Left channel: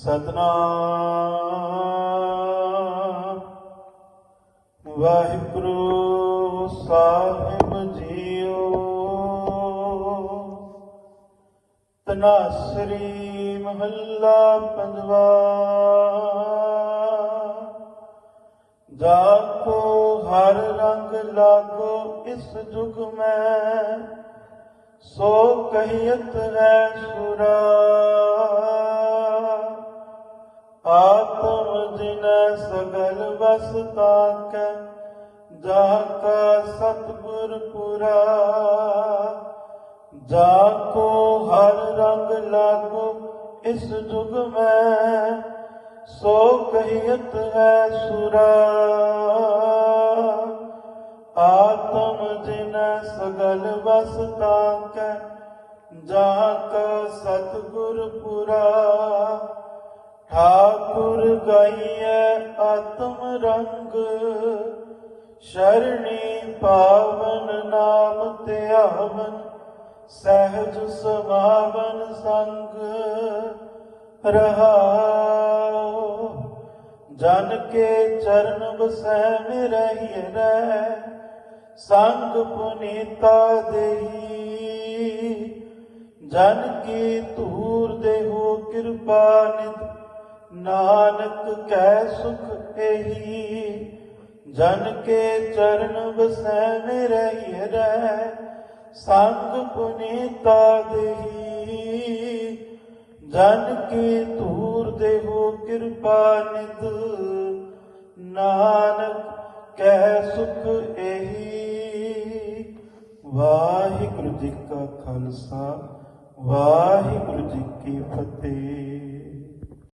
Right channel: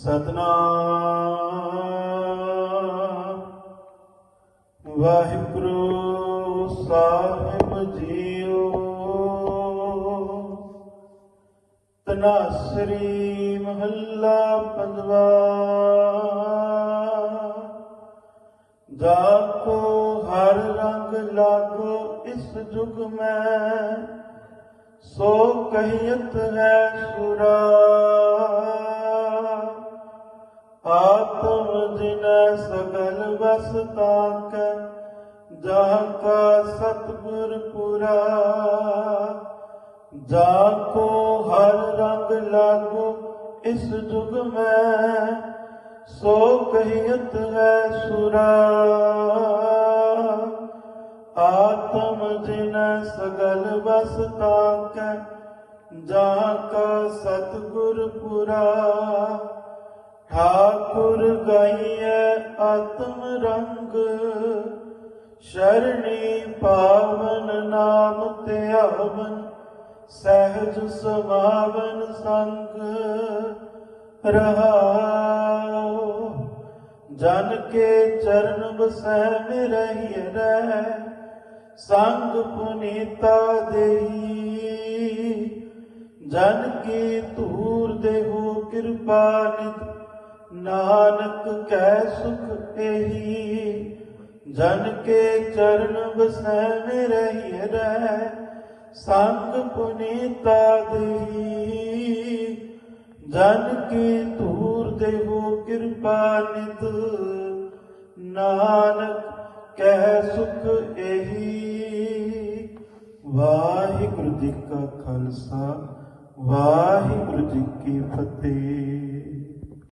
Satnam. Waheguru Sahib JIO. ਤਨਾਸਰੀ ਮਹੱਲਾ ਪੰਜਵਾ। ਜਾਕੋ ਹਰ ਰੰਗ ਲਾਗੋ, ਇਸ ਜੁਗ ਮੈਂ। ਸੋ ਕਹੀਤ ਹੈ ਸੁਰਾ। ਸਗਲ ਵਸ ਤਾਕੈ ਜਾ ਕਾ ਪੁਰਾ। ਜਾ ਕੋ ਹਰ ਰੰਗ ਲਾਗੋ ਇਸ ਜੁਗ ਮੈਂ, ਸੋ ਕਹੀਤ ਹੈ ਸੁਰਾ। ਆਤਮ ਜਿਨ ਸਗਲ ਵਸ ਤਾਕੈ ਜਾ ਕਾ ਸਤਿਗੁਰ ਪੁਰਾ। ਠਾਕੁਰ ਗਾਈਐ ਰੰਗ ਸ਼ਰਣੀ ਪਾਵਨ ਨਾਮ ਧਿਆਵਨ ਸਹਿਜ ਸੁਭਾਵਨ ਸੰਗ ਰਹਾਉ। ਜਨ ਕੇ ਚਰਨ ਬਸੈ ਮਿਰਹਿ ਰਹਿ, ਸੰਗ ਪੁਨੀਤਾ ਦੇਹੀ। ਜਨ ਕੀ ਧੂਰ ਦੇਹੋ ਕਿਰਪਾ ਨਿਤ ਨਾਨਕ ਕੈ ਸੁਖ ਇਹੀ ਜਨ ਕੇ ਚਰਨ ਬਸੈ ਮਿਰਹਿ ਰਹਿ, ਸੰਗ ਪੁਨੀਤਾ ਦੇਹੀ। ਜਨ ਕੀ ਧੂਰ ਦੇਹੋ ਕਿਰਪਾ ਨਿਤ, ਨਾਨਕ ਕਹਿ ਸੁਖ ਇਹੀ ਵਾਹਿਗੁਰੂ ਜੀ ਕਾ ਖਾਲਸਾ, ਵਾਹਿਗੁਰੂ ਜੀ ਕੀ ਫਤਿਹ।